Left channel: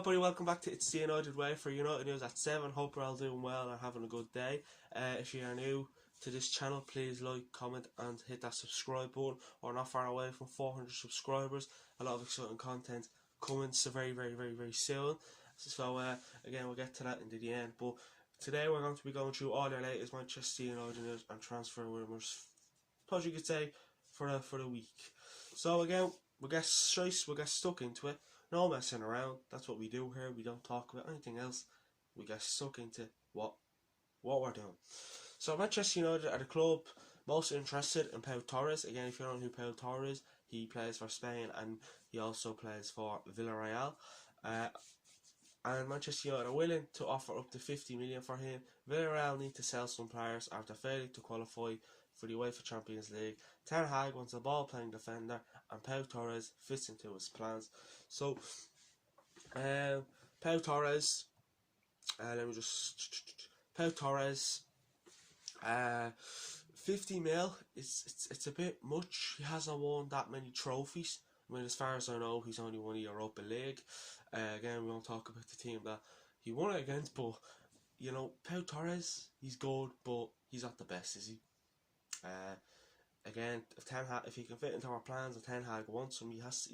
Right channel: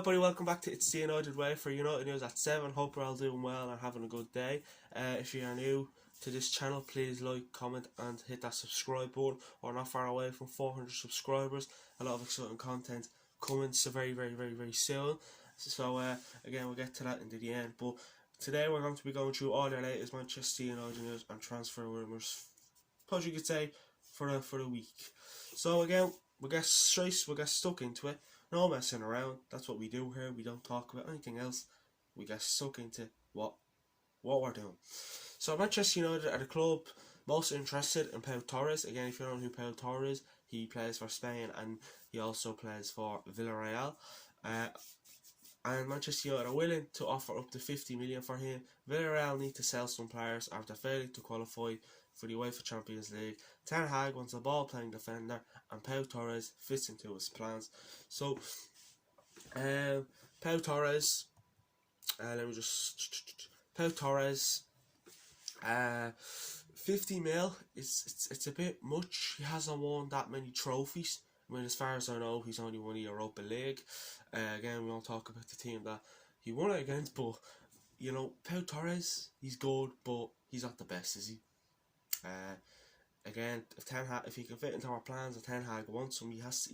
Hi buddy, welcome back to It's the United Way for United News at 7. Hope you're all doing well and having a good day. If you are new to this channel, please like, comment and hit that subscribe button. We're not far away from 400 subscribers. A lot of exciting content coming so very soon. So again, we'll get to that into the end. But today we're going to be going through all the latest Manchester United news and transfer rumours, as you could say, for the week. So again, we'll get stuck into it. No messing around. That's what we do here. We don't talk about anything else. We get stuck into what we're doing. So Manchester United are the club most interested in Pau Torres. Again, if you don't know who Pau Torres is, he plays for Spain and he also plays for Villarreal. And Manchester United are willing to offer up to 50 million for him. Villarreal need to sell some players after failing to qualify for the UEFA Champions League. Ten Hag wants a ball-playing defender, and Pau Torres fits into his plans. So, Pau Torres, Pau Torres, 50 mil. It's a bit much. He hasn't won that many trophies. I mean, as far as I know, he's only won the Europa League. Again, we won't talk about the team that he won it against, but you know, Pau Torres, he's good, but he's not the best, is he? Again, if he can fit into our plans, if Ten Hag wants him, he has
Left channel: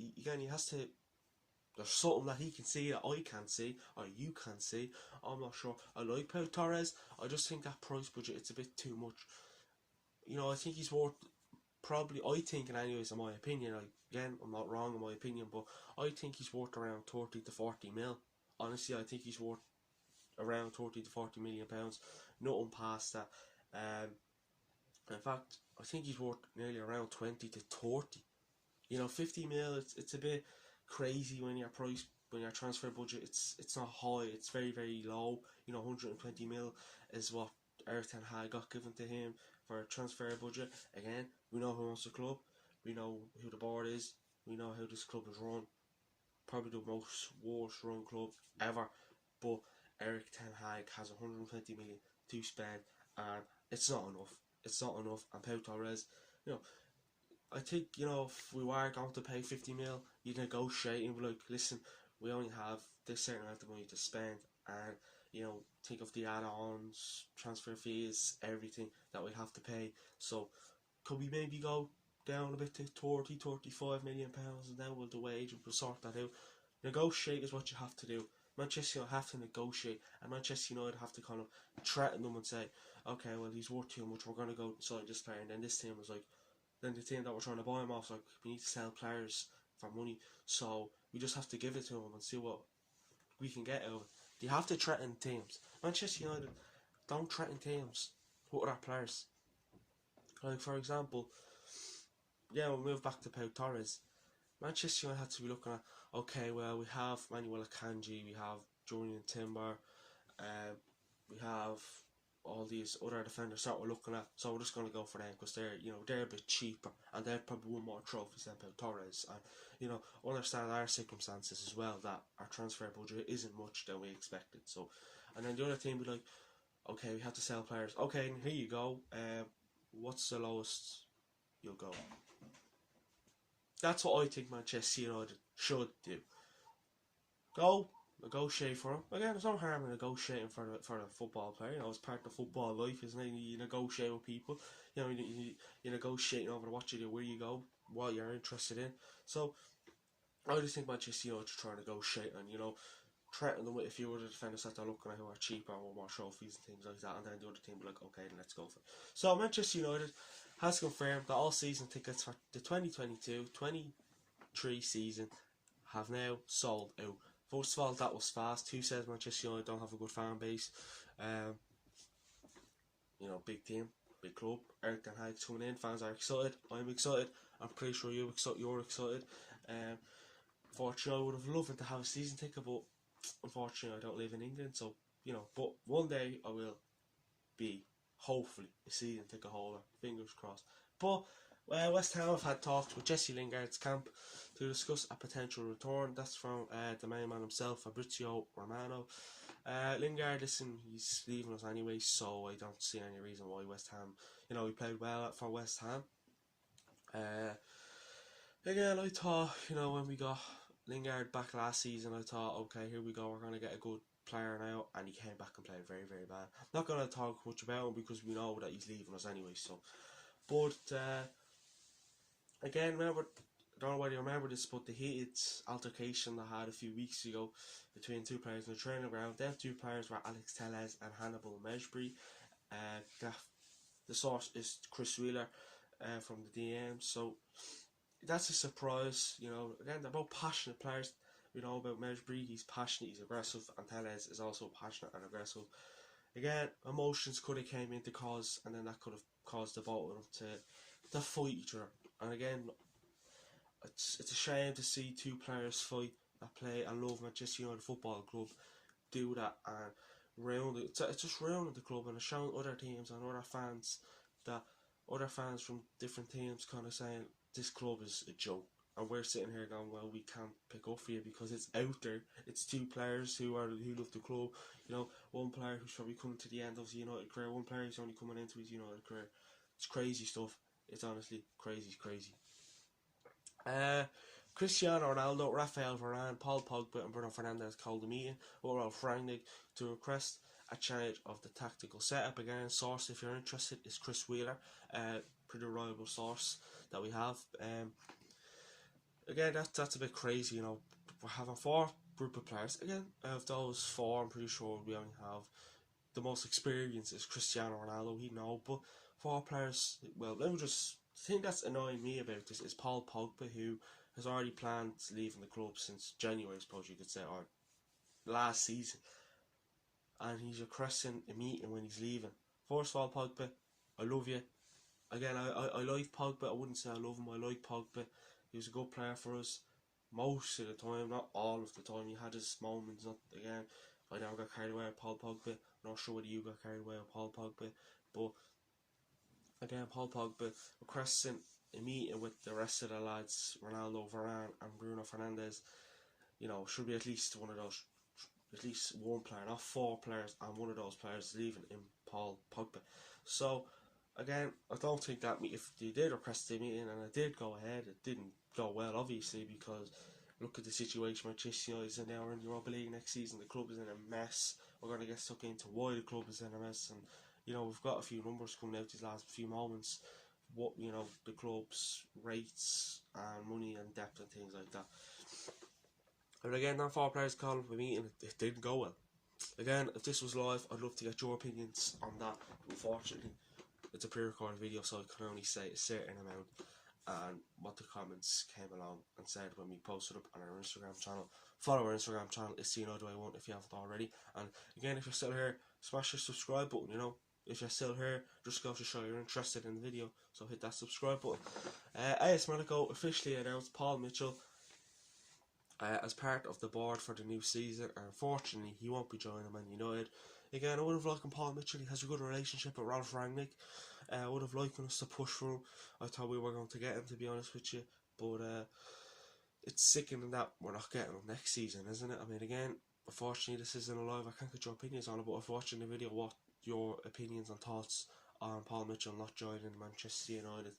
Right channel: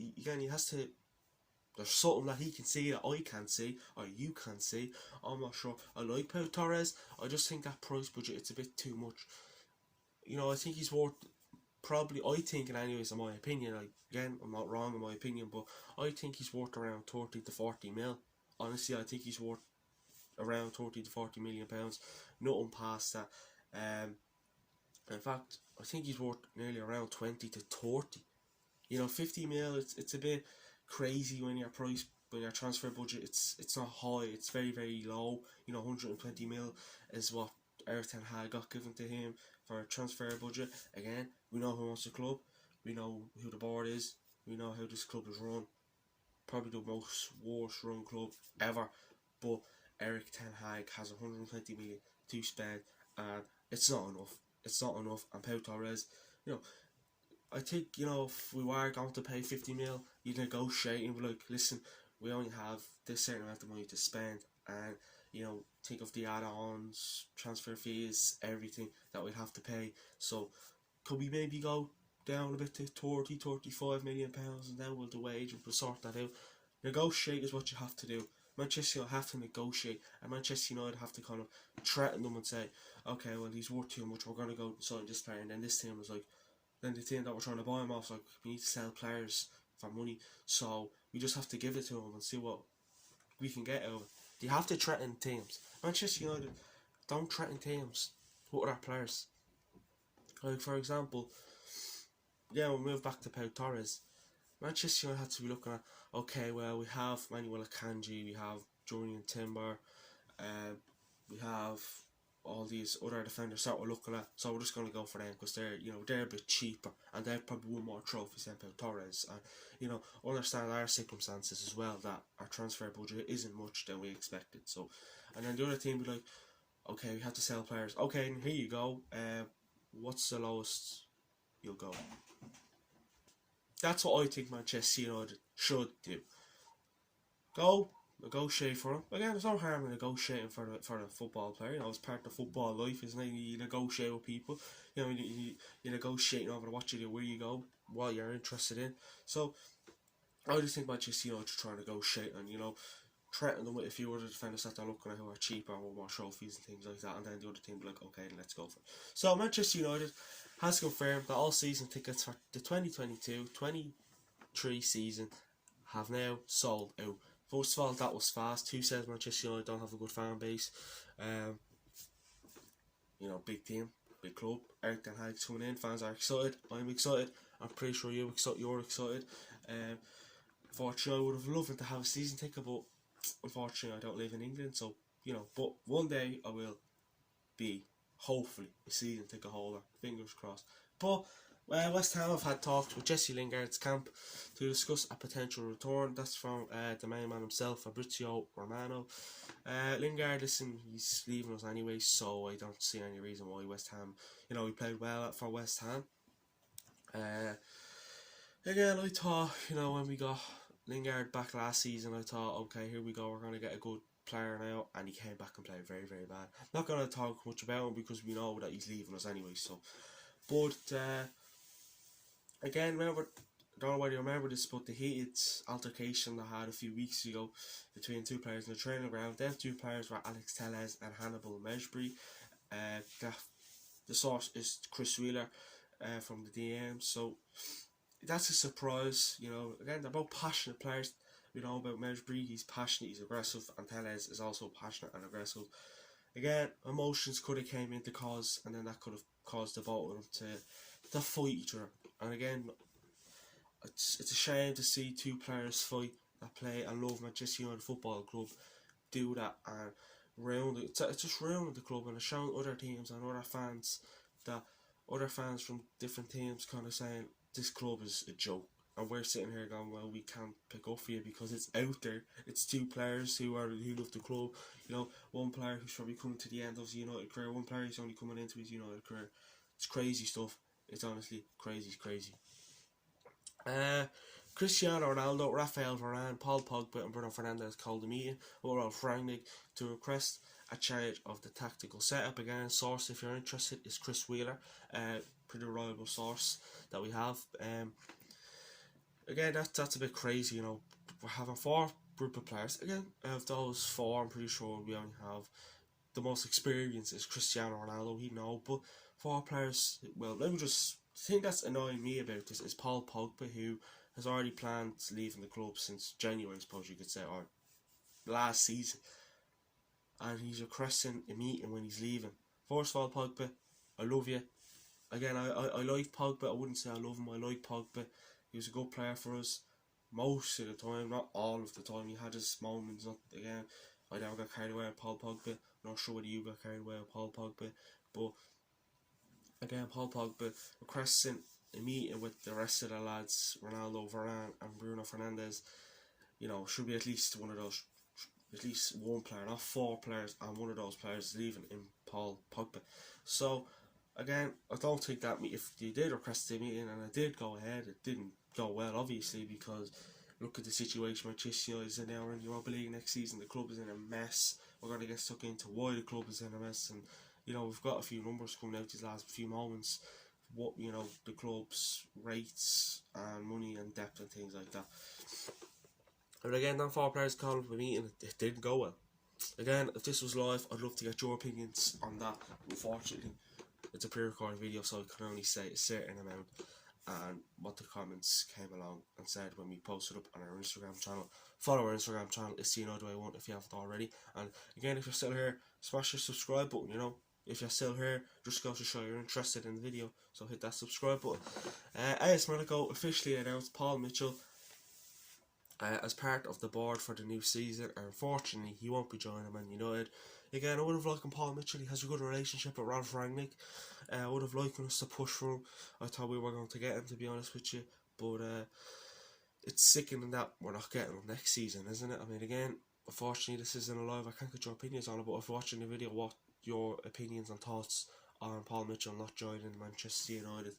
to. There's something that he can see that I can't see, or you can't see. I'm not sure. I like Pau Torres. I just think that price budget, it's a bit too much. You know, I think he's worth probably. I think, and anyways, in my opinion, again, I'm not wrong in my opinion, but I think he's worth around 30 to 40 mil. Honestly, I think he's worth around 30 to 40 million pounds. Nothing past that. In fact, I think he's worth nearly around 20 to 30. You know, 50 mil, it's a bit crazy when your transfer budget, it's not high, it's very low. You know, 120 mil is what Erik ten Hag got given to him for a transfer budget. Again, we know who owns the club, we know who the board is, we know how this club is run. Probably the worst run club ever. But Erik ten Hag has 120 million to spend, and it's not enough. It's not enough. And Pau Torres, you know, I think, you know, if we were going to pay 50 mil, you'd negotiate and be like, listen, we only have this certain amount of money to spend, and, you know, think of the add-ons, transfer fees, everything that we'd have to pay. So, could we maybe go down a bit to 30, 35 million pounds, and then we'll do wage and we'll sort that out. Negotiate is what you have to do. Manchester United have to negotiate, and Manchester United have to kind of threaten them and say, okay, well, he's worth too much, we're going to go sign this player. And then this team was like, then the team that we're trying to buy him off, like, we need to sell players for money, so we just have to give it to him and see what we can get out of it. You have to threaten teams. Manchester United don't threaten teams with other players. Like, for example, yeah, we'll move back to Pau Torres. Manchester United had to be looking at, okay, well, we have Manuel Akanji, we have Julian Timber, we have all these other defenders that we're looking at, so we're just going to go for them because they're a bit cheaper and they've probably won more trophies than Pau Torres. And you know, understand our circumstances as well, that our transfer budget isn't much than we expected. So, and then the other team be like, okay, we have to sell players. Okay, here you go. What's the lowest you'll go? That's what I think Manchester United should do. Go negotiate for him. Again, there's no harm in negotiating for a football player. You know, it's part of football life, isn't it? You negotiate with people. You know, you're negotiating over what you do, where you go, what you're interested in. So, I just think Manchester United should try and negotiate and, you know, threaten them with a few other defenders that they're looking at who are cheaper and more trophies and things like that, and then the other team will be like, okay, then let's go for it. So Manchester United has confirmed that all season tickets for the 2022-23 season have now sold out. First of all, that was fast. Who says Manchester United don't have a good fan base? You know, big team, big club. Erik ten Hag's coming in. Fans are excited. I'm excited. I'm pretty sure you're excited. Unfortunately, I would have loved to have a season ticket, but unfortunately, I don't live in England. So, you know, but one day I will be, hopefully, a season ticket holder. Fingers crossed. But West Ham have had talks with Jesse Lingard's camp to discuss a potential return. That's from the main man himself, Fabrizio Romano. Lingard, listen, he's leaving us anyway, so I don't see any reason why West Ham, you know, he played well for West Ham. Again, I thought, you know, when we got Lingard back last season, I thought, okay, here we go, we're going to get a good player now, and he came back and played very, very bad. Not going to talk much about him because we know that he's leaving us anyway. So, but again, remember, I don't know whether you remember this, but the heated altercation I had a few weeks ago between two players in the training ground. Them two players were Alex Telles and Hannibal Mejbri. The source is Chris Wheeler from the DM. So that's a surprise, you know. Again, they're both passionate players. We know about Mejbri, he's passionate, he's aggressive, and Telles is also passionate and aggressive. Again, emotions could have came into cause, and then that could have caused the both of them to fight each other. And again, it's a shame to see two players fight that play and love Manchester United Football Club do that and ruin it. It's just ruining the club, and it's showing other teams and other fans from different teams kind of saying this club is a joke, and we're sitting here going, well, we can't pick up for you because it's out there. It's two players who love the club. You know, one player who's probably coming to the end of his United career, one player who's only coming into his United career. It's crazy stuff. It's honestly crazy. Cristiano Ronaldo, Rafael Varane, Paul Pogba and Bruno Fernandes called a meeting with Ralf Rangnick to request a change of the tactical setup. Again, source, if you're interested, is Chris Wheeler, pretty reliable source that we have. Again, that's a bit crazy, you know. We're having 4 group of players. Again, of those 4, I'm pretty sure we only have the most experience is Cristiano Ronaldo, we know, but 4 players, well, let me just, the thing that's annoying me about this is Paul Pogba, who has already planned leaving the club since January, I suppose you could say, or last season, and he's requesting a meeting when he's leaving. First of all, Pogba, I love you. Again, I like Pogba. I wouldn't say I love him. I like Pogba. He was a good player for us most of the time, not all of the time. He had his moments. Not again. I never got carried away with Paul Pogba. I'm not sure whether you got carried away with Paul Pogba, but again, Paul Pogba requesting a meeting with the rest of the lads, Ronaldo, Varane, and Bruno Fernandes. You know, should be at least one of those, at least one player, not 4 players, and one of those players leaving in Paul Pogba. So again, I don't think that if they did request a meeting and it did go ahead, it didn't go well, obviously, because look at the situation Manchester United is in now. We're in the Europa League next season. The club is in a mess. We're going to get stuck into why the club is in a mess, and you know, we've got a few numbers coming out these last few moments. What, you know, the club's rates and money and depth and things like that. And again, them 4 players called for a meeting. It didn't go well. Again, if this was live, I'd love to get your opinions on that. Unfortunately, it's a pre-recorded video, so I can only say a certain amount and what the comments came along and said when we posted up on our Instagram channel. Follow our Instagram channel, it's CNODI1 if you haven't already. And again, if you're still here, smash the subscribe button, you know. If you're still here, just go to show you're interested in the video, so hit that subscribe button. AS Monaco officially announced Paul Mitchell as part of the board for the new season. Unfortunately, he won't be joining Man United. Again, I would have liked Paul Mitchell. He has a good relationship with Ralf Rangnick. I would have liked us to push through. I thought we were going to get him, to be honest with you, but it's sickening that we're not getting him next season, isn't it? I mean, again, unfortunately, this isn't a live. I can't get your opinions on it, but if you're watching the video, what your opinions and thoughts on Paul Mitchell not joining Manchester United?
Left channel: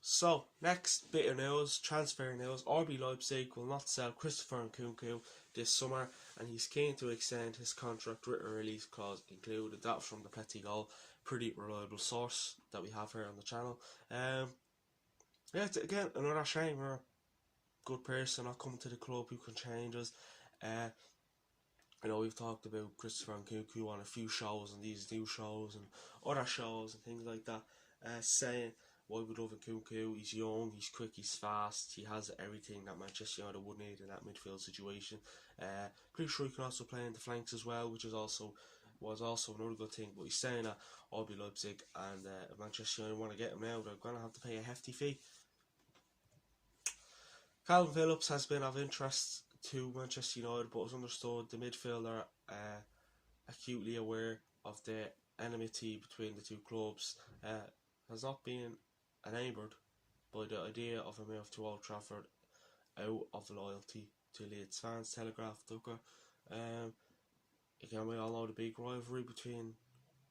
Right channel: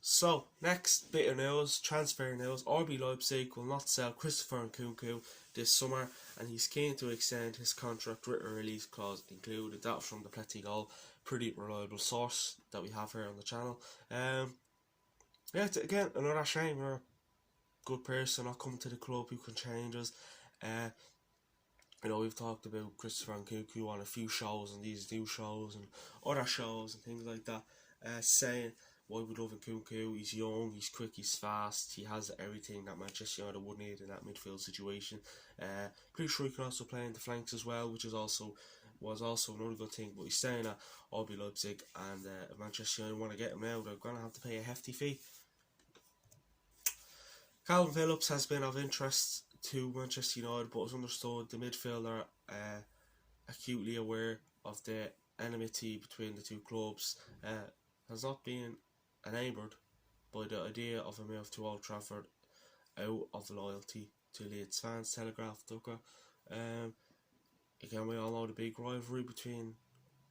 So, next bit of news, transfer news. RB Leipzig will not sell Christopher Nkunku this summer, and he's keen to extend his contract with a release clause included. That from the Pletty Goal, pretty reliable source that we have here on the channel. Yeah, again, another shame. We're a good person not coming to the club who can change us. You know, we've talked about Christopher Nkunku on a few shows and these new shows and other shows and things like that, saying why we love Nkunku. He's young, he's quick, he's fast, he has everything that Manchester United would need in that midfield situation. Pretty sure he can also play in the flanks as well, which was also another good thing. But he's saying that RB Leipzig and Manchester United want to get him now, they're going to have to pay a hefty fee. Calvin Phillips has been of interest to Manchester United, but as understood, the midfielder acutely aware of the enmity between the two clubs, has not been enamoured by the idea of a move to Old Trafford out of loyalty to Leeds fans, Telegraph Ducker. Again, we all know the big rivalry between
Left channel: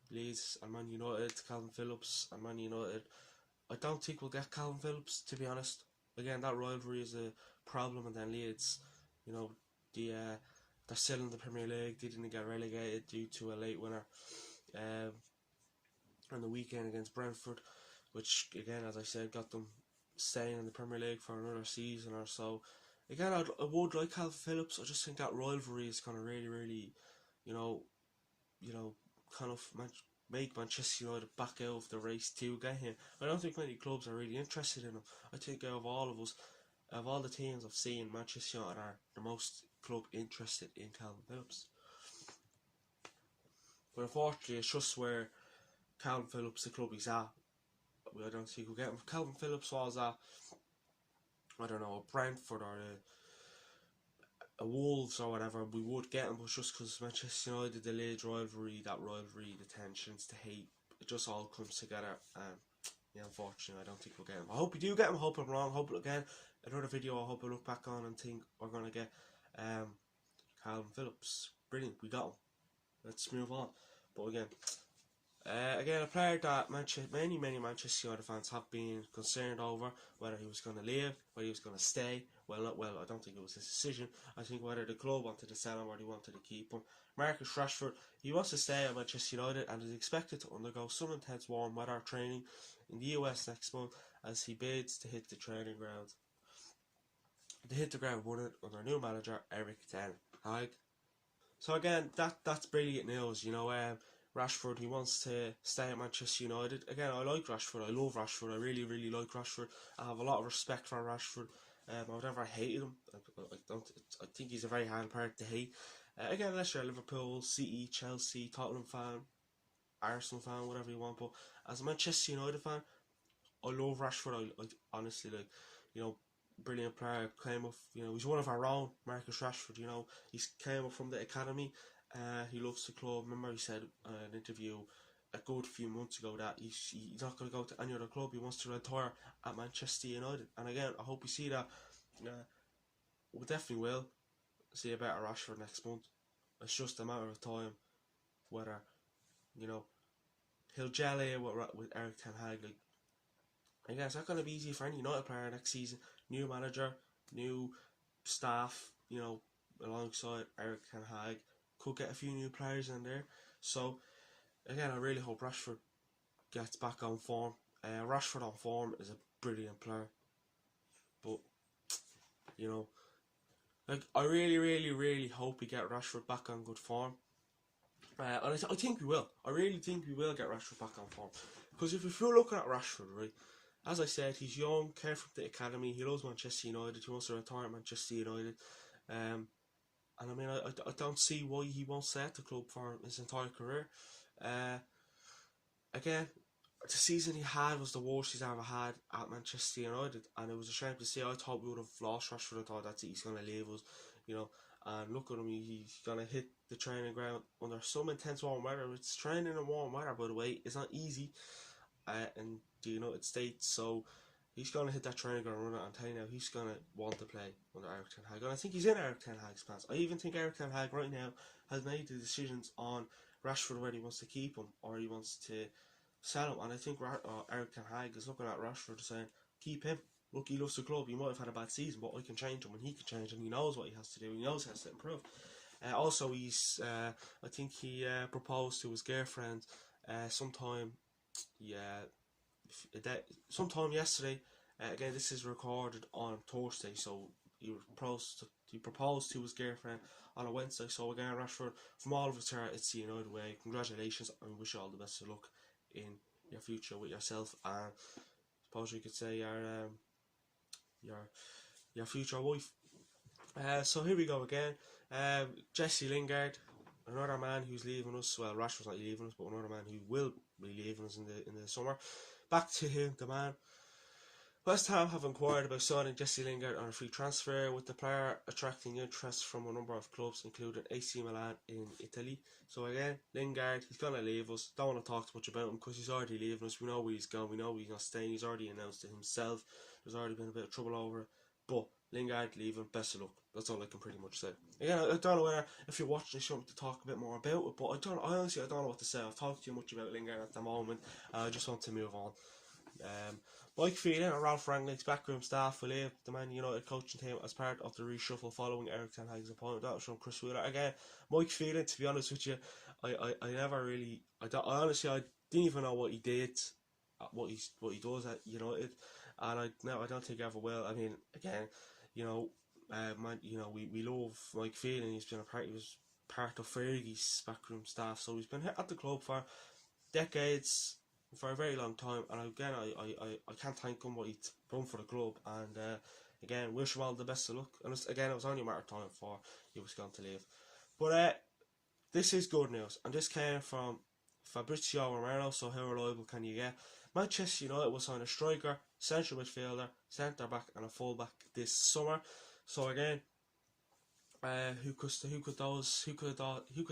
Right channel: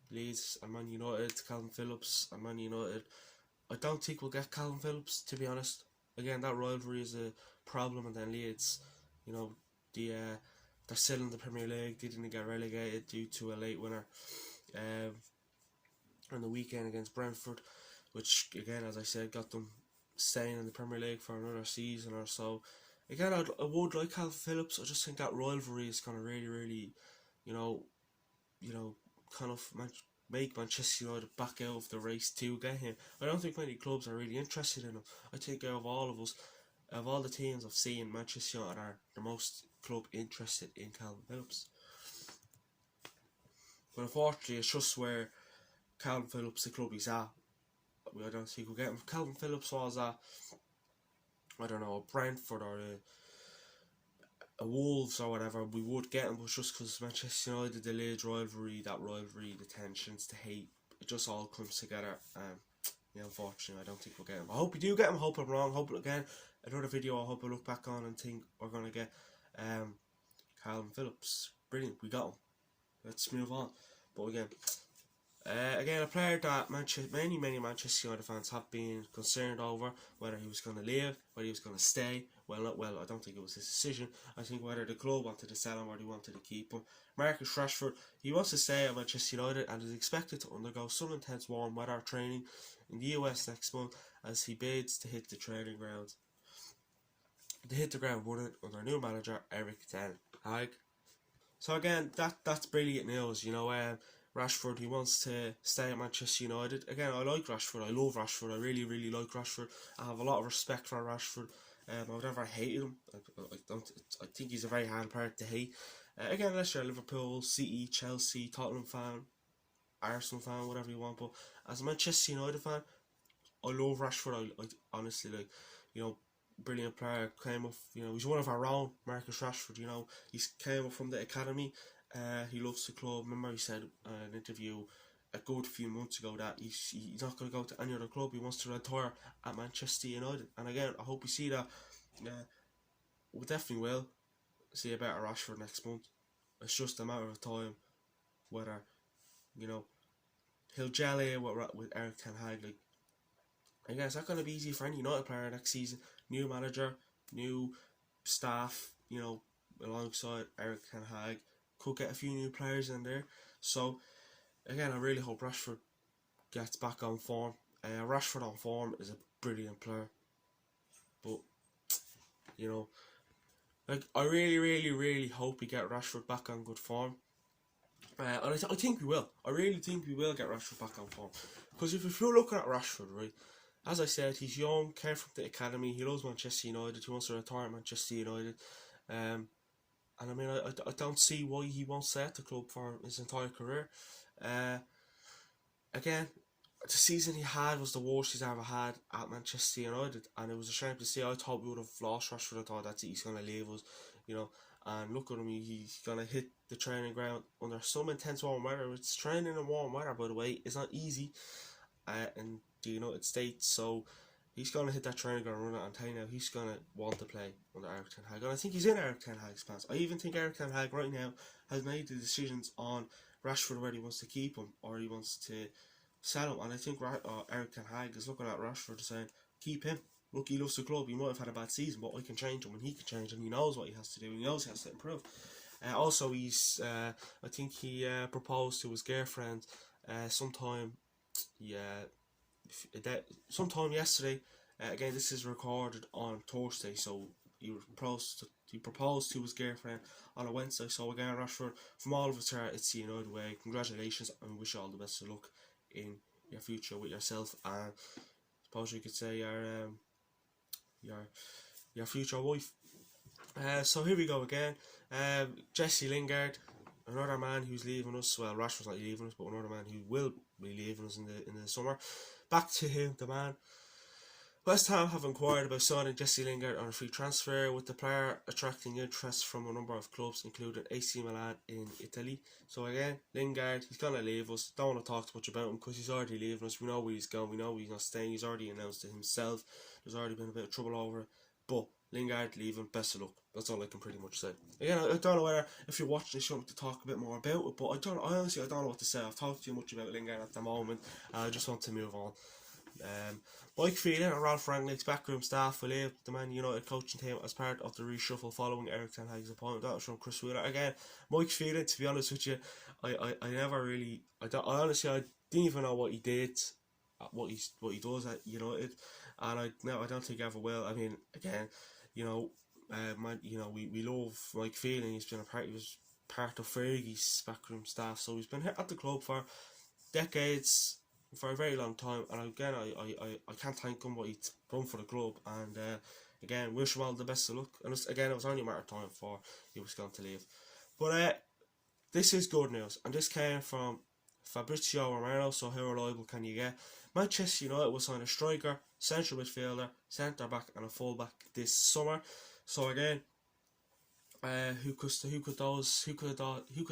Leeds and Man United. Calvin Phillips and Man United I don't think we'll get Calvin Phillips, to be honest. Again, that rivalry is a problem, and then Leeds, you know, they're still in the Premier League. They didn't get relegated due to a late winner on the weekend against Brentford, which, again, as I said, got them staying in the Premier League for another season or so. Again, I would like Calvin Phillips. I just think that rivalry is going to really, you know, kind of make Manchester United back out of the race to get him. I don't think many clubs are really interested in him. I think out of all of us, of all the teams I've seen, Manchester United are the most club interested in Calvin Phillips. But unfortunately, it's just where Calvin Phillips, the club he's at, I don't think we'll get him. If Calvin Phillips was at, I don't know, a Brentford or a Wolves or whatever, we would get him, but just because Manchester United, the Leeds rivalry, the tensions, the hate, it just all comes together. Yeah, unfortunately, I don't think we'll get him. I hope we do get him. I hope I'm wrong. I hope, again, another video I hope I look back on and think we're going to get Calvin Phillips. Brilliant, we got him. Let's move on. But again, a player that many Manchester United fans have been concerned over, whether he was going to leave, whether he was going to stay. Well, I don't think it was his decision. I think whether the club wanted to sell him or they wanted to keep him. Marcus Rashford, he wants to stay at Manchester United and is expected to undergo some intense warm weather training in the US next month as he bids to hit the training ground. To hit the ground running under new manager Erik ten Hag. So again, that's brilliant news. You know, Rashford, he wants to stay at Manchester United. Again, I like Rashford. I love Rashford. I really like Rashford. I have a lot of respect for Rashford. I've never hated him. I think he's a very hard player to hate. Again, unless you're a Liverpool, City, Chelsea, Tottenham fan, Arsenal fan, whatever you want. But as a Manchester United fan, I love Rashford. I honestly, like, you know, brilliant player. Came up, you know, he's one of our own, Marcus Rashford. You know, he came up from the academy. He loves the club. Remember, he said in an interview a good few months ago that he's not going to go to any other club. He wants to retire at Manchester United. And again, I hope we see that. We definitely will see a better Rashford next month. It's just a matter of time whether, you know, he'll gel in with Erik ten Hag. Like, again, it's not going to be easy for any United player next season. New manager, new staff, you know, alongside Erik ten Hag. Could get a few new players in there. So, again, I really hope Rashford gets back on form. Rashford on form is a brilliant player. But, you know, like, I really hope we get Rashford back on good form. And I think we will. I really think we will get Rashford back on form. Because if you're looking at Rashford, right, as I said, he's young, came from the academy, he loves Manchester United, he wants to retire at Manchester United. And I mean, I don't see why he won't stay at the club for his entire career. Again, the season he had was the worst he's ever had at Manchester United, and it was a shame to see. I thought we would have lost Rashford. I thought that's it, he's going to leave us, you know. And look at him, he's going to hit the training ground under some intense warm weather. It's training in warm weather, by the way. It's not easy in the United States, so he's going to hit that training ground running, and tell you now, he's going to want to play under Erik ten Hag. And I think he's in Erik ten Hag's plans. I even think Erik ten Hag right now has made the decisions on Rashford, whether he wants to keep him or he wants to sell him. And I think Erik ten Hag is looking at Rashford saying, keep him. Look, he loves the club. He might have had a bad season, but I can change him and he can change him. He knows what he has to do. He knows he has to improve. Also, he's I think he proposed to his girlfriend sometime yesterday. Again, this is recorded on Thursday, so he proposed to his girlfriend on a Wednesday. So again, Rashford, from all of us here, it's the United way. Congratulations, and wish you all the best of luck in your future with yourself, and I suppose you could say your future wife. So here we go again. Jesse Lingard, another man who's leaving us. Well, Rashford's not leaving us, but another man who will be leaving us in the summer. Back to him, the man. West Ham have inquired about signing Jesse Lingard on a free transfer, with the player attracting interest from a number of clubs, including AC Milan in Italy. So again, Lingard, he's going to leave us. Don't want to talk too much about him because he's already leaving us. We know where he's going. We know he's not staying. He's already announced it himself. There's already been a bit of trouble over it. But Lingard leaving, best of luck. That's all I can pretty much say. Again, I don't know whether, if you're watching this, you want me to talk a bit more about it, but honestly I don't know what to say. I've talked too much about Lingard at the moment, and I just want to move on. Mike Phelan and Ralph Rangnick's backroom staff will leave the Man United coaching team as part of the reshuffle following Erik ten Hag's appointment. That was from Chris Wheeler. Again, Mike Phelan, to be honest with you, I never really, I honestly, I didn't even know what he did, what he does at United, and I don't think he ever will. I mean, again, we love Mike Phelan. He was part of Fergie's backroom staff, so he's been at the club for decades, for a very long time, and again I can't thank him what he's done for the club, and again wish him all the best of luck. And it was only a matter of time before he was going to leave. But this is good news, and this came from Fabrizio Romano. So how reliable can you get? Manchester United will sign a striker, central midfielder, centre back and a full back this summer. So again, who could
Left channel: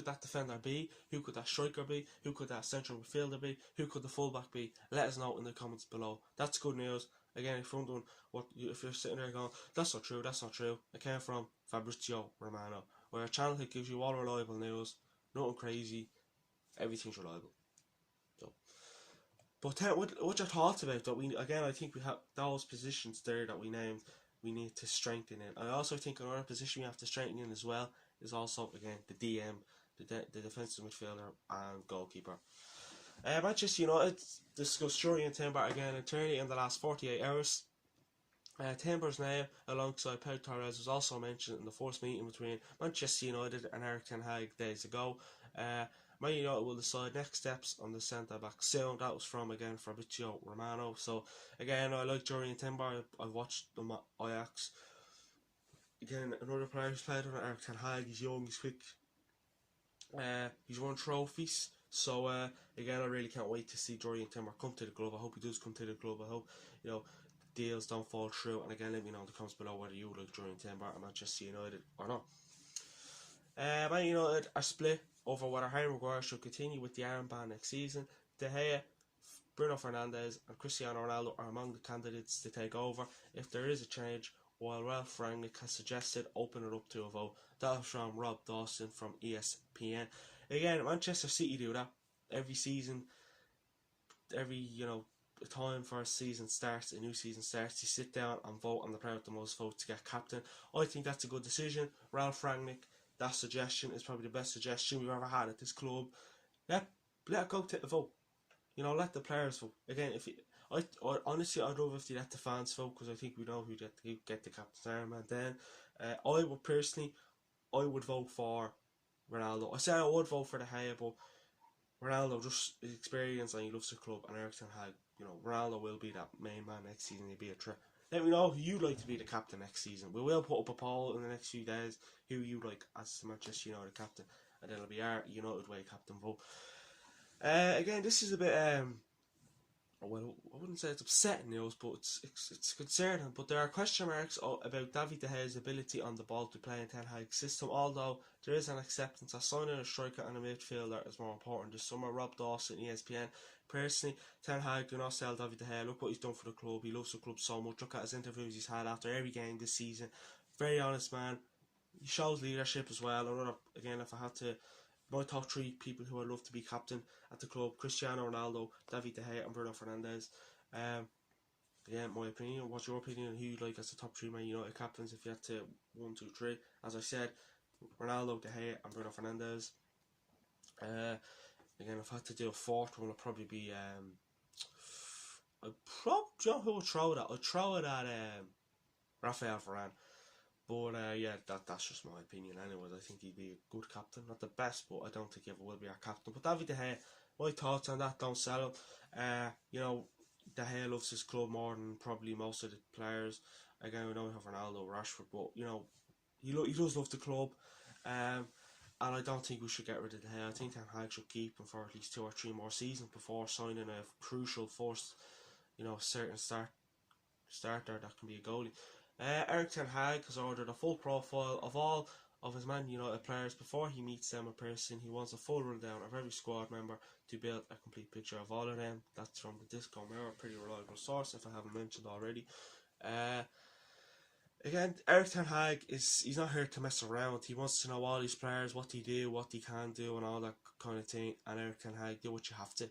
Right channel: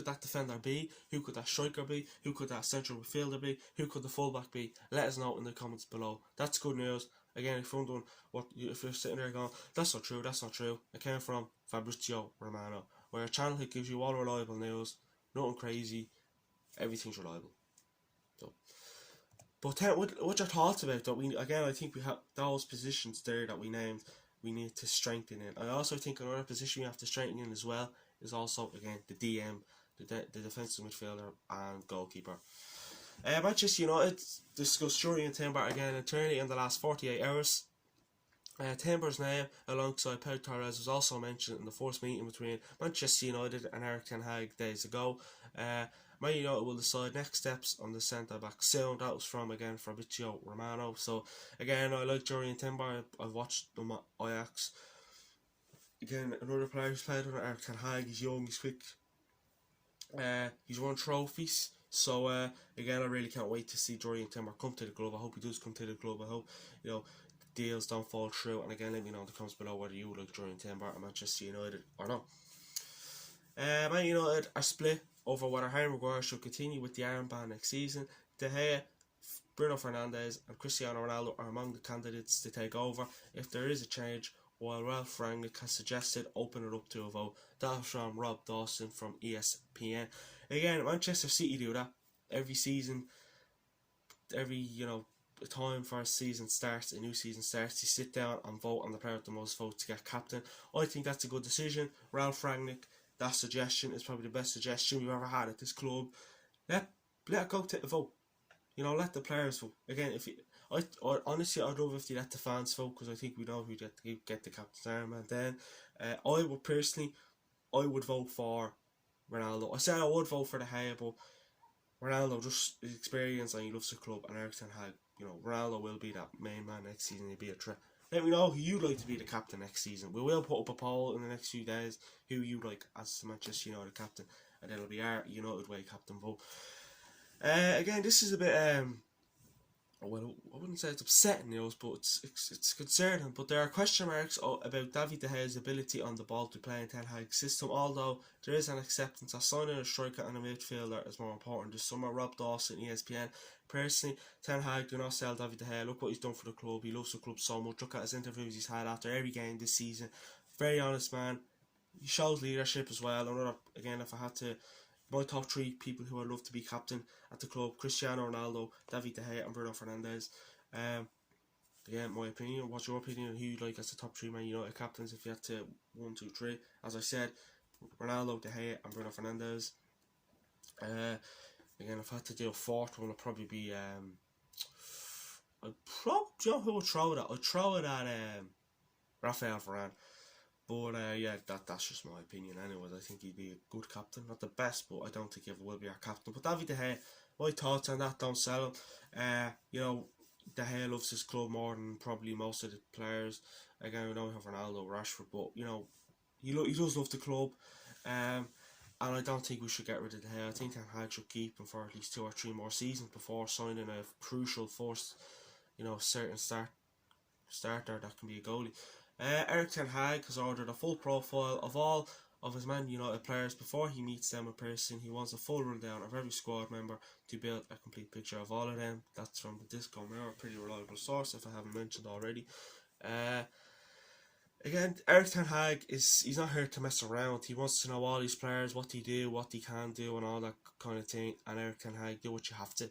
that defender be? Who could that striker be? Who could that central midfielder be? Who could the fullback be? Let us know in the comments below. That's good news. Again, if you're sitting there going, that's not true, it came from Fabrizio Romano. We're a channel that gives you all reliable news, nothing crazy, everything's reliable. So, but what's your thoughts about that? I think we have those positions there that we named. We need to strengthen it. I also think another position we have to strengthen in as well is also, again, the DM, the defensive midfielder and goalkeeper. Manchester United discussed Jurriën Timber again internally in the last 48 hours. Timber's name, alongside Pau Torres, was also mentioned in the first meeting between Manchester United and Erik ten Hag days ago. Man United will decide next steps on the centre back soon. That was from, again, Fabrizio Romano. So again, I like Jurriën Timber. I've watched them at Ajax. Again, another player who's played under Erik ten Hag. He's young, he's quick. He's won trophies. So again, I really can't wait to see Jurriën Timber come to the club. I hope he does come to the club. I hope deals don't fall through. And again, let me know in the comments below whether you like Jurriën Timber at Manchester United or not. Man United are split over whether Harry Maguire should continue with the armband next season. De Gea, Bruno Fernandes and Cristiano Ronaldo are among the candidates to take over if there is a change, while Ralph Rangnick has suggested open it up to a vote. That's from Rob Dawson from ESPN. Again, Manchester City do that every season. Every time for a season starts, a new season starts, you sit down and vote on the player with the most votes to get captain. I think that's a good decision. Ralph Rangnick, that suggestion is probably the best suggestion we've ever had at this club. Let it go to the vote. Let the players vote. Again, honestly, I'd love if they let the fans vote, because I think we know who get the captain's armband. Then, I would vote for Ronaldo. I said I would vote for De Gea, but Ronaldo, just his experience, and he loves the club, and Erik ten Hag, Ronaldo will be that main man next season. He'll be a threat. Let me know who you'd like to be the captain next season. We will put up a poll in the next few days who you like as the Manchester United captain, and it'll be our United Way captain vote. Again, this is a bit well, I wouldn't say it's upsetting news, but it's concerning. But there are question marks about David De Gea's ability on the ball to play in Ten Hag's system, although there is an acceptance that signing a striker and a midfielder is more important this summer. Rob Dawson, ESPN. Personally, Ten Hag do not sell David De Gea. Look what he's done for the club. He loves the club so much. Look at his interviews he's had after every game this season. Very honest man. He shows leadership as well. Again, if I had to, my top three people who I'd love to be captain at the club: Cristiano Ronaldo, David De Gea and Bruno Fernandes. Yeah, my opinion. What's your opinion on who you'd like as the top three Man United captains if you had to 1, 2, 3? As I said, Ronaldo, De Gea and Bruno Fernandes. Again, if I had to do a fourth one, it'd probably be who would throw it at? I'd throw it at Raphael Varane. But yeah, that's just my opinion anyways. I think he'd be a good captain. Not the best, but I don't think he ever will be our captain. But David De Gea, my thoughts on that, don't sell him. De Gea loves his club more than probably most of the players. Again, we know we have Ronaldo, Rashford, but he does love the club. And I don't think we should get rid of De Gea. I think Ten Hag should keep him for at least 2 or 3 more seasons before signing a crucial first, certain starter that can be a goalie. Erik ten Hag has ordered a full profile of all of his Man United players before he meets them in person. He wants a full rundown of every squad member to build a complete picture of all of them. That's from the Disco Mirror, a pretty reliable source if I haven't mentioned already. Again, Erik ten Hag he's not here to mess around. He wants to know all these players, what they do, what they can do, and all that kind of thing. And Erik ten Hag, do what you have to.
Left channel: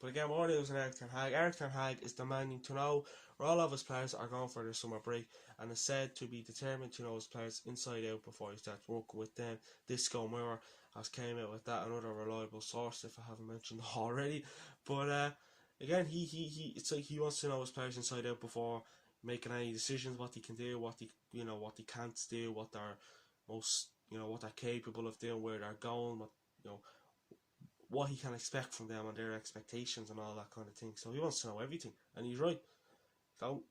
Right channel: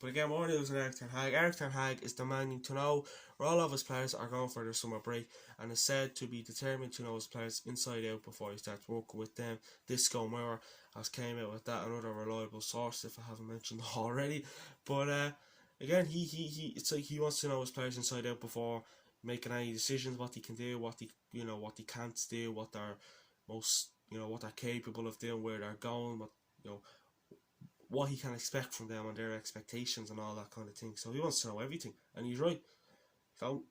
But again, more news on Eric Ten Hag. Eric Ten Hag is demanding to know where all of his players are going for their summer break, and is said to be determined to know his players inside out before he starts working with them. Disco Moore has came out with that, another reliable source, if I haven't mentioned already. But again, it's like he wants to know his players inside out before making any decisions, what he can do, what he can't do, what they're what they're capable of doing, where they're going, what he can expect from them and their expectations and all that kind of thing. So he wants to know everything, and he's right. So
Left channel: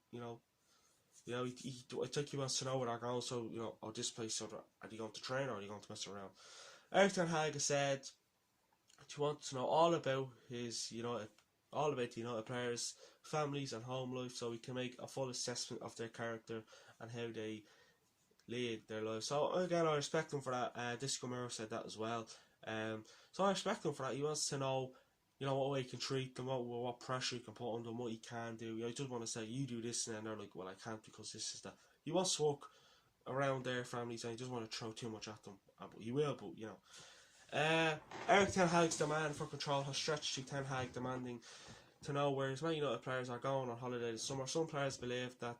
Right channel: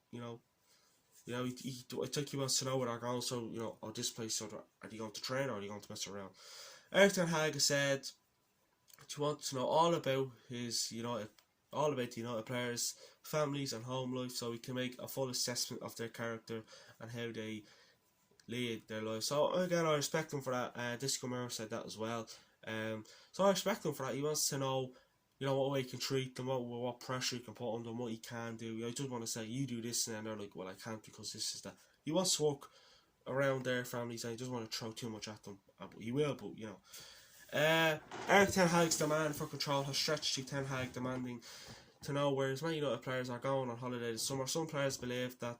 I think he wants to know where they're going. So this place, so are they going to train or are they going to mess around? Eric Ten Hag said he wants to know all about his all about the United players, families and home life, so he can make a full assessment of their character and how they lead their lives. So again, I respect him for that. Disco Moore said that as well. So I respect him for that. He wants to know, what way he can treat them, what pressure he can put on them, what he can do. I just want to say, you do this, and then they're like, well, I can't because this is that. He wants to work around their families, and he doesn't want to throw too much at them. He will, but Eric Ten Hag's demand for control has stretched to Ten Hag demanding to know where his Man United players are going on holiday this summer. Some players believe that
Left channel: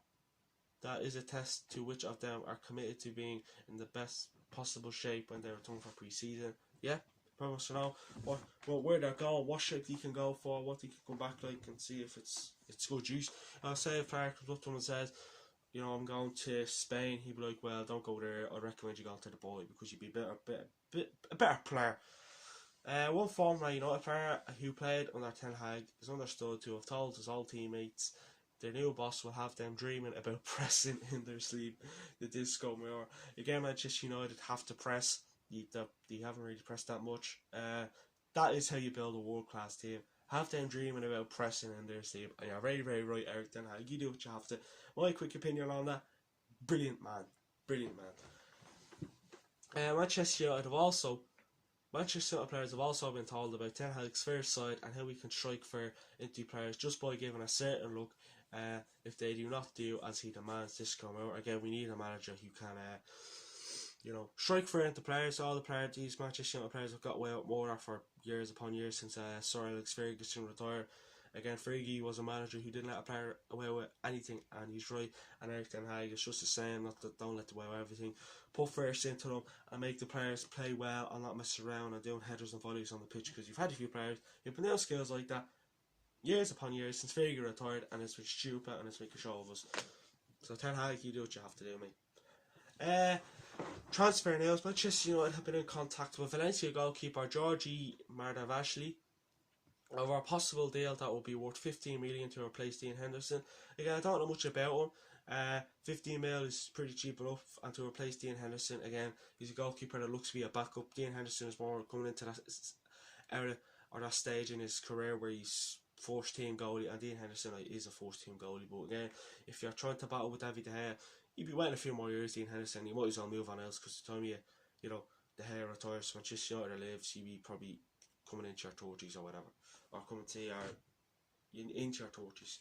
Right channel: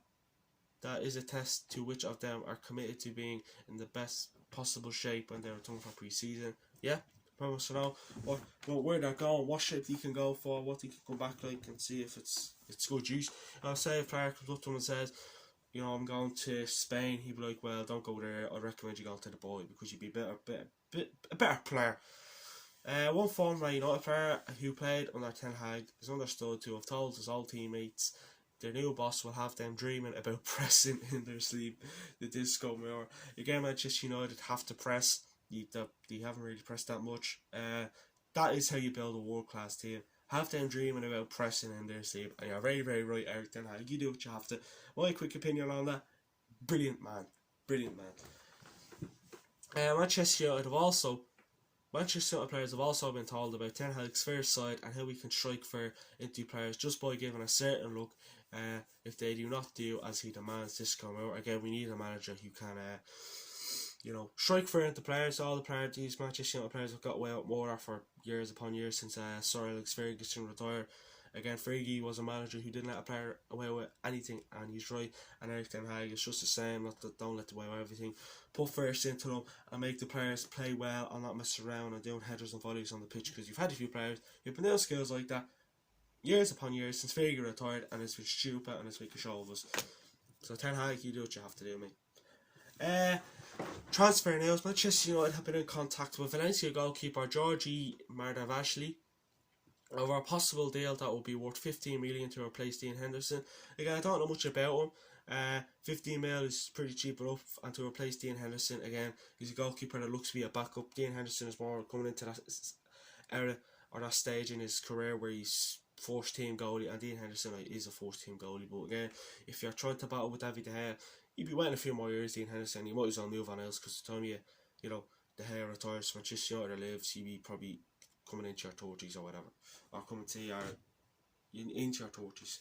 is a test to which of them are committed to being in the best possible shape when they return for pre-season. Yeah, promise to know where they're going, what shape they can go for, what they can come back like, and see if it's good use. I'll say if a player comes up to him and says, I'm going to Spain, he'd be like, well, don't go there, I recommend you go to the boy because you'd be a better player. One former United player who played under Ten Hag is understood to have told his old teammates their new boss will have them dreaming about pressing in their sleep. The Disco Moore. Again, Manchester United have to press. They haven't really pressed that much. That is how you build a world-class team. Have them dreaming about pressing in their sleep. And you're very, very right, Eric Ten Hag. You do what you have to. My quick opinion on that. Brilliant man. Manchester United players have also been told about Ten Hag's fair side and how we can strike fair into players just by giving a certain look. If they do not do as he demands, this come out. Again, we need a manager who can, strike fair into players. All these Manchester United players have got away with more for years upon years since Sir Alex Ferguson retired. Again, Fergie was a manager who didn't let a player away with anything, and he's right. And Eric Ten Hag is just the same. Don't let them away with everything. Put first into them and make the players play well and not mess around and doing headers and volleys on the pitch, because you've had a few players who've been doing skills like that years upon years since Fergie retired, and it's been stupid and it's making a show of us. So Ten Hag, you do what you have to do, mate. Transfer news. Manchester United have been in contact with Valencia goalkeeper Georgi Mardavashvili over a possible deal that will be worth 15 million to replace Dean Henderson. Again, I don't know much about him. 15 mil is pretty cheap enough, and to replace Dean Henderson, again, he's a goalkeeper that looks to be a backup. Dean Henderson is more coming into that era or that stage in his career where he's first team goalie, and Dean Henderson is a first team goalie. But again, if you're trying to battle with David De Gea, you'd be waiting a few more years. Dean Henderson, you might as well move on else, because the time De Gea retires, Manchester United lives, you'd be probably coming into your 30s or whatever, or coming to into your 30s.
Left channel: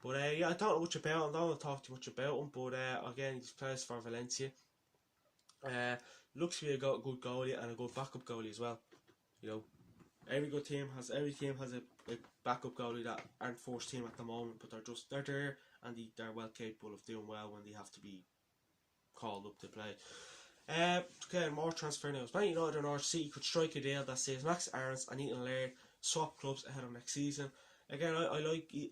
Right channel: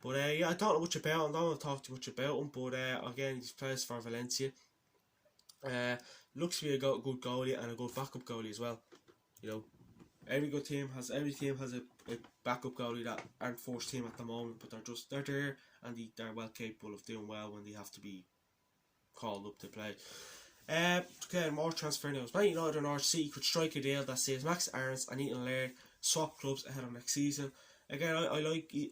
But I don't know much about him. I don't want to talk too much about him. But again, he's plays for Valencia. Looks to be a good goalie and a good backup goalie as well. Every team has a backup goalie that aren't first team at the moment, but they're there, and they're well capable of doing well when they have to be called up to play. Again, more transfer news. Man United and Norwich City could strike a deal that says Max Aarons and Ethan Laird swap clubs ahead of next season. Again, I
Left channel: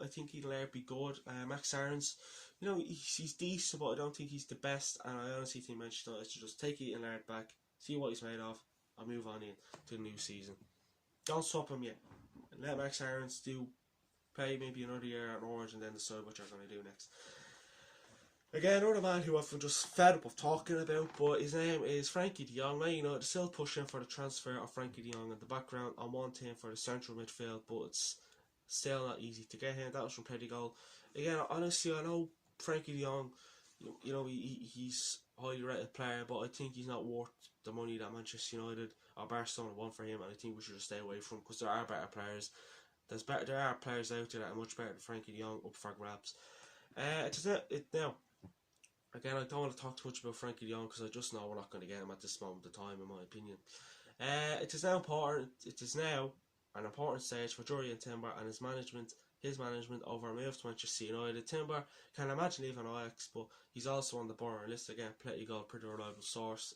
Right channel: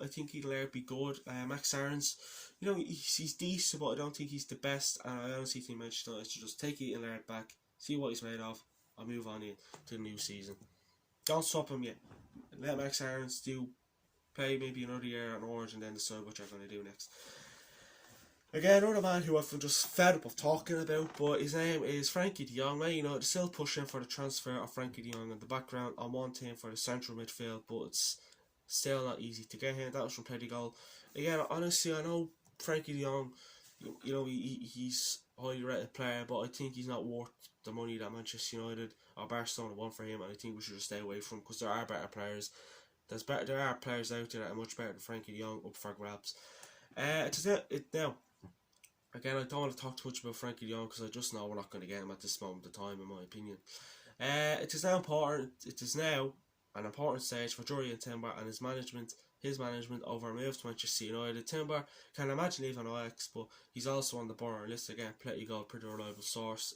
think Ethan Laird be good. Max Aarons, he's decent, but I don't think he's the best. And I honestly think Manchester United should just take Ethan Laird back, see what he's made of, and move on in to the new season. Don't swap him yet. Let Max Aarons play maybe another year at Norwich and then decide what you're going to do next. Again, another man who I've just fed up of talking about, but his name is Frankie de Jong. They're still pushing for the transfer of Frankie de Jong in the background on one team for the central midfield, but it's still not easy to get him. That was from Pettigrew. Again, honestly, I know Frankie de Jong, he's a highly rated player, but I think he's not worth the money that Manchester United or Barcelona want for him, and I think we should just stay away from him, because there are better players. There are players out there that are much better than Frankie de Jong up for grabs. Now, again, I don't want to talk too much about Frankie de Jong, because I just know we're not going to get him at this moment of time, in my opinion. It is now important. It is now an important stage for Jurriën Timber and his management over a move to Manchester United. Timber can imagine leaving Ajax, but he's also on the Bayern list again. Pretty reliable source.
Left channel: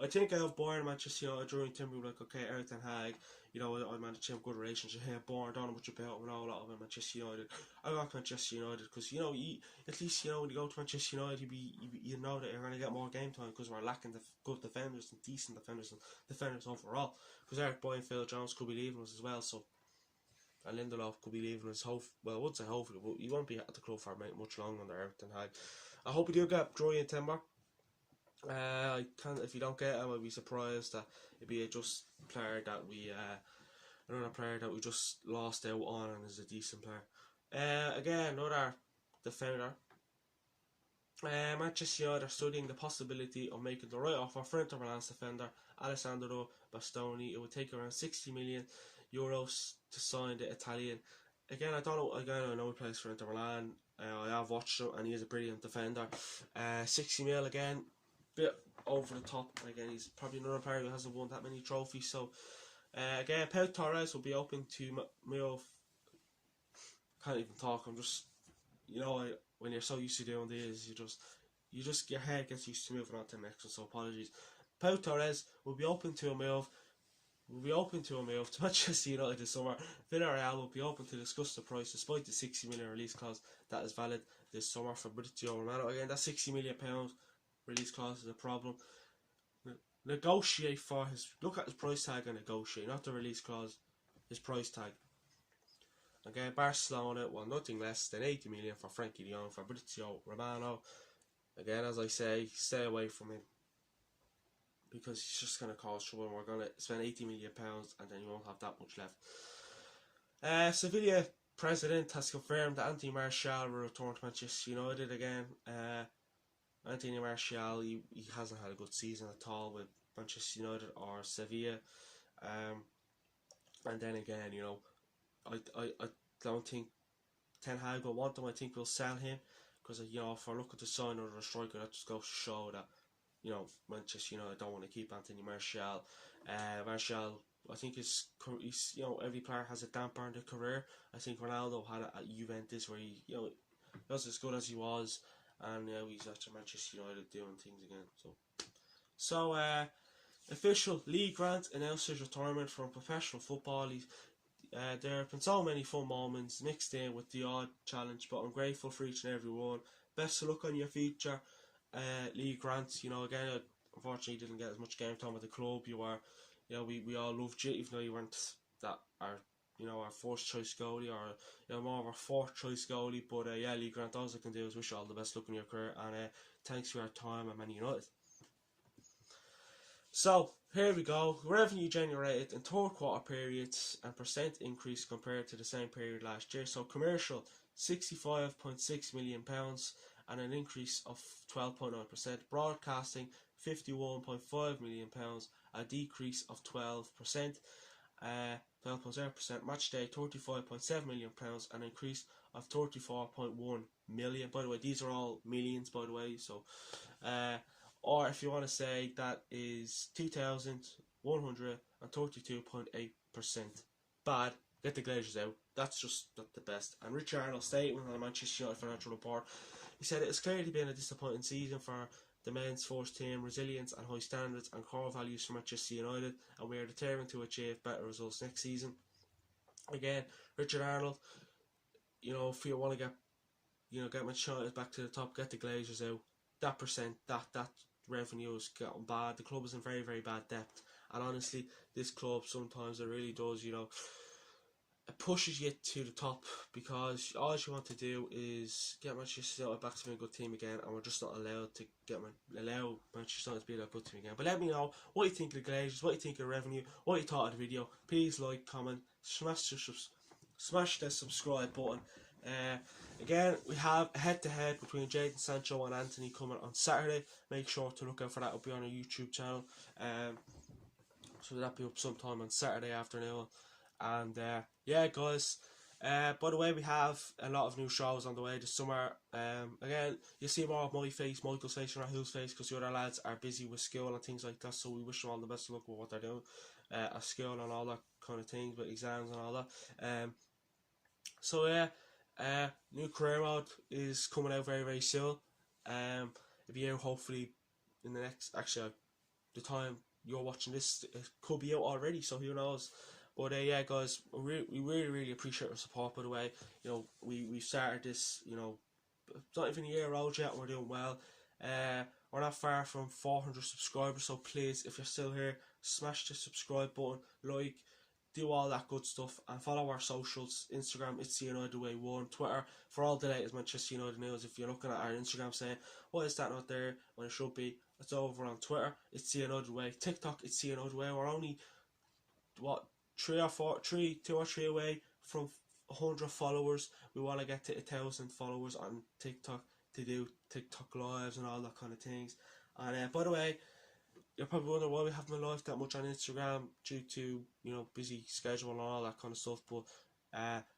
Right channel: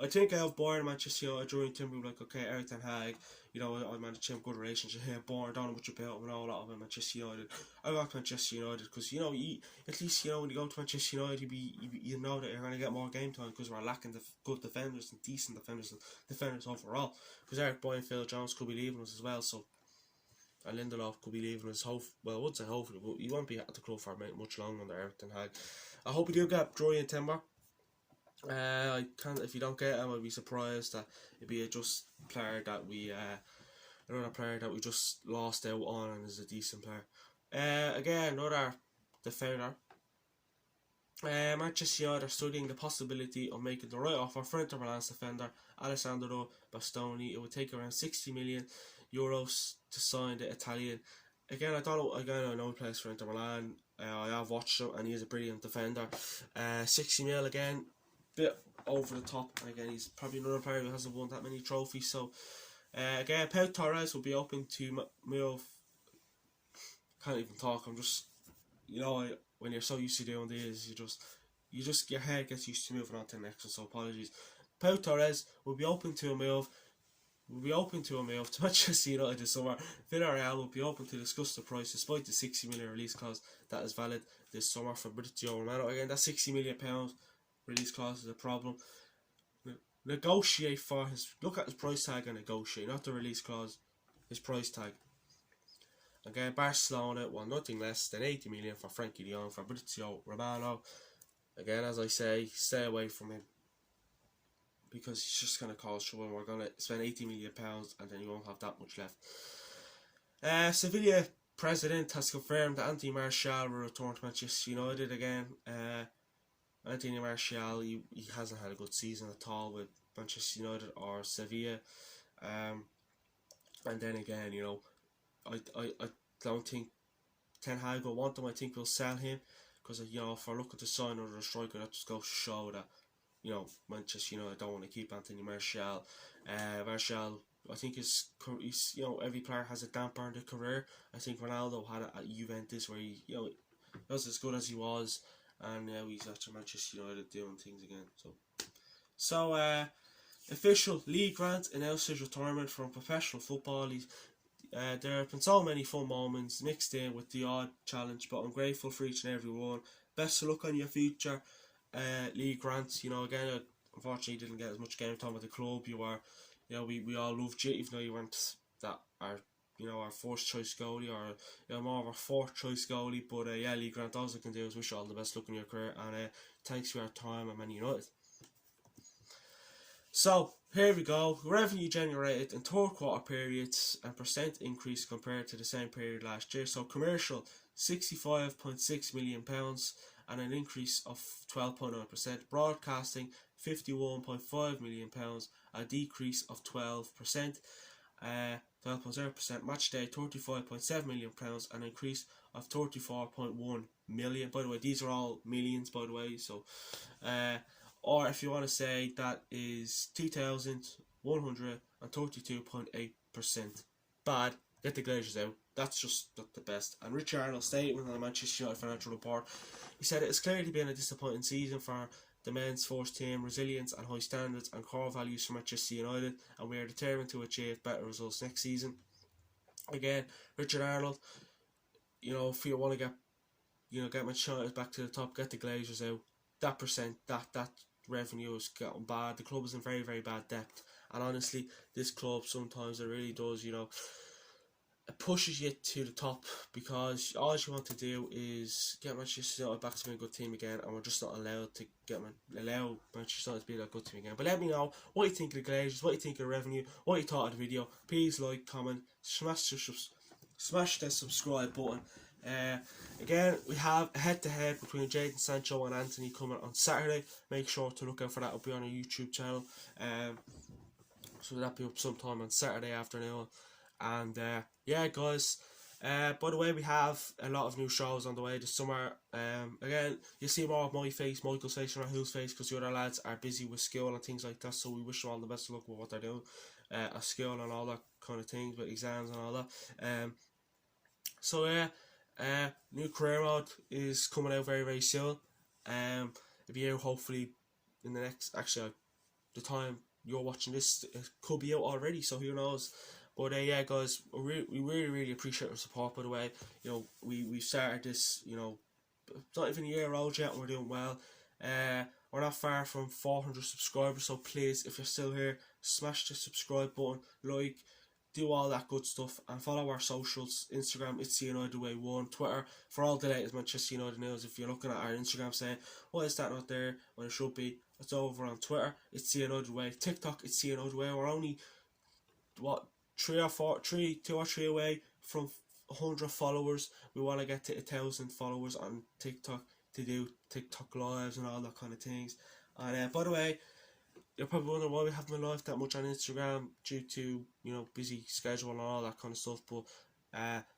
I think I have Bayern, Manchester United, Jurriën Timber, like, okay, Eric Ten Hag, you know, I managed to have a good relationship here. Bayern, don't know much about him, I know a lot about Manchester United. I like Manchester United because, you know, at least, you know, when you go to Manchester United, you know that you're going to get more game time because we're lacking good defenders and decent defenders and defenders overall. Because Eric Boy and Phil Jones could be leaving us as well, so. And Lindelof could be leaving us, I would say hopefully, but he won't be at the club for much longer under Eric Ten Hag. I hope we do get Jurriën Timber. If you don't get him, I'd be surprised that it'd be just player that we another player that we just lost out on and is a decent player. Again, another defender. Manchester United are studying the possibility of making the right offer for Inter Milan's defender Alessandro Bastoni. It would take around 60 million euros to sign the Italian. Again, I know he plays for Inter Milan. I have watched him and he is a brilliant defender. 60 mil again, bit over the top. Again, he's probably another player who hasn't won that many trophies. So again, Pau Torres will be open to move. Can't even talk. I'm just, you know, when you're so used to doing these, you just your head gets used to moving on to the next. So apologies. Pau Torres will be open to a move. To Manchester United this summer. Villarreal will be open to discuss the price despite the 60 million release clause that is valid this summer for Fabrizio Romano. Again, that £60 million release clause is a problem. Negotiate for look at his price tag and negotiate, not the release clause, his price tag. Again, Barcelona want nothing less than 80 million for Frankie de Jong, Fabrizio Romano. Again, as I say, stay away from him, because he's just going to cause trouble. We're going to spend £80 million and then you won't have that much left. Sevilla president has confirmed that Anthony Martial will return to Manchester United again. Anthony Martial, he hasn't had a good season at all with Manchester United or Sevilla. And then again, you know, I don't think Ten Hag will want him. I think we'll sell him because, you know, if we're looking to sign another striker, that just goes to show that, you know, Manchester United don't want to keep Anthony Martial. Martial, I think he's, you know, every player has a damper in their career. I think Ronaldo had it at Juventus where he, you know, was as good as he was, and now he's at Manchester United doing things again. So official Lee Grant announced his retirement from professional football. There have been so many fun moments mixed in with the odd challenge, but I'm grateful for each and every one. Best of luck on your future, Lee Grant. You know, again, unfortunately, you didn't get as much game time with the club. You were, you know, we all loved you, even though you weren't our first choice goalie, or, you know, more of our fourth choice goalie. But yeah, Lee Grant, all I can do is wish you all the best luck in your career, and thanks for your time at Man United. So here we go. Revenue generated in third quarter periods and percent increase compared to the same period last year. So commercial, £65.6 million and an increase of 12.9%. Broadcasting, £51.5 million, a decrease of 12%. 12.0%. Match day, £35.7 million, an increase of 34.1 million. By the way, these are all millions, by the way. So or if you want to say, that is 2,132.8%. Bad. Get the Glazers out. That's just not the best. And Rich Arnold's statement on the Manchester United Financial Report, he said it has clearly been a disappointing season for the men's first team. Resilience and high standards and core values for Manchester United, and we are determined to achieve better results next season. Again, Richard Arnold, you know, if you want to get Manchester United back to the top, get the Glazers out. That revenue is getting bad. The club is in very, very bad depth, and honestly, this club sometimes it really does, you know, it pushes you to the top, because all you want to do is get Manchester United back to being a good team again, and we're just not allowed to allow Manchester United to be that good team again. But let me know what you think of the Glazers, what you think of the revenue, what you thought of the video. Please like, comment, smash the subscribe button. Again, we have a head-to-head between Jadon Sancho and Anthony coming on Saturday. Make sure to look out for that. It'll be on our YouTube channel. So that'll be up sometime on Saturday afternoon. And yeah, guys, By the way, we have a lot of new shows on the way this summer. Again, you'll see more of my face, Michael's face, and Rahul's face, because the other lads are busy with school and things like that. So we wish them all the best of luck with what they're doing at school and all that kind of things, with exams and all that. So yeah, new career mode is coming out very very soon. It'll be out hopefully in the next, actually the time you're watching this, it could be out already, so who knows. But yeah, guys, we really appreciate your support. By the way, you know, we've started this, you know, it's not even a year old yet. We're doing well. We're not far from 400 subscribers, so please, if you're still here, smash the subscribe button, like, do all that good stuff, and follow our socials. Instagram, it's the United Way 1. Twitter, for all the latest Manchester United news. If you're looking at our Instagram saying, why is that not there when it should be, it's over on Twitter, it's the United Way. TikTok, it's the United Way. We're only, what, 2 or 3 away from 100 followers. We want to get to 1,000 followers on TikTok to do TikTok lives and all that kind of things. And by the way, you're probably wondering why we haven't been live that much on Instagram, due to, you know, busy schedule and all that kind of stuff. But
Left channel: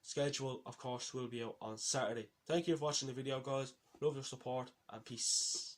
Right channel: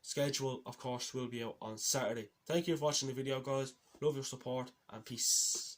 schedule, of course, will be out on Saturday. Thank you for watching the video, guys. Love your support, and peace.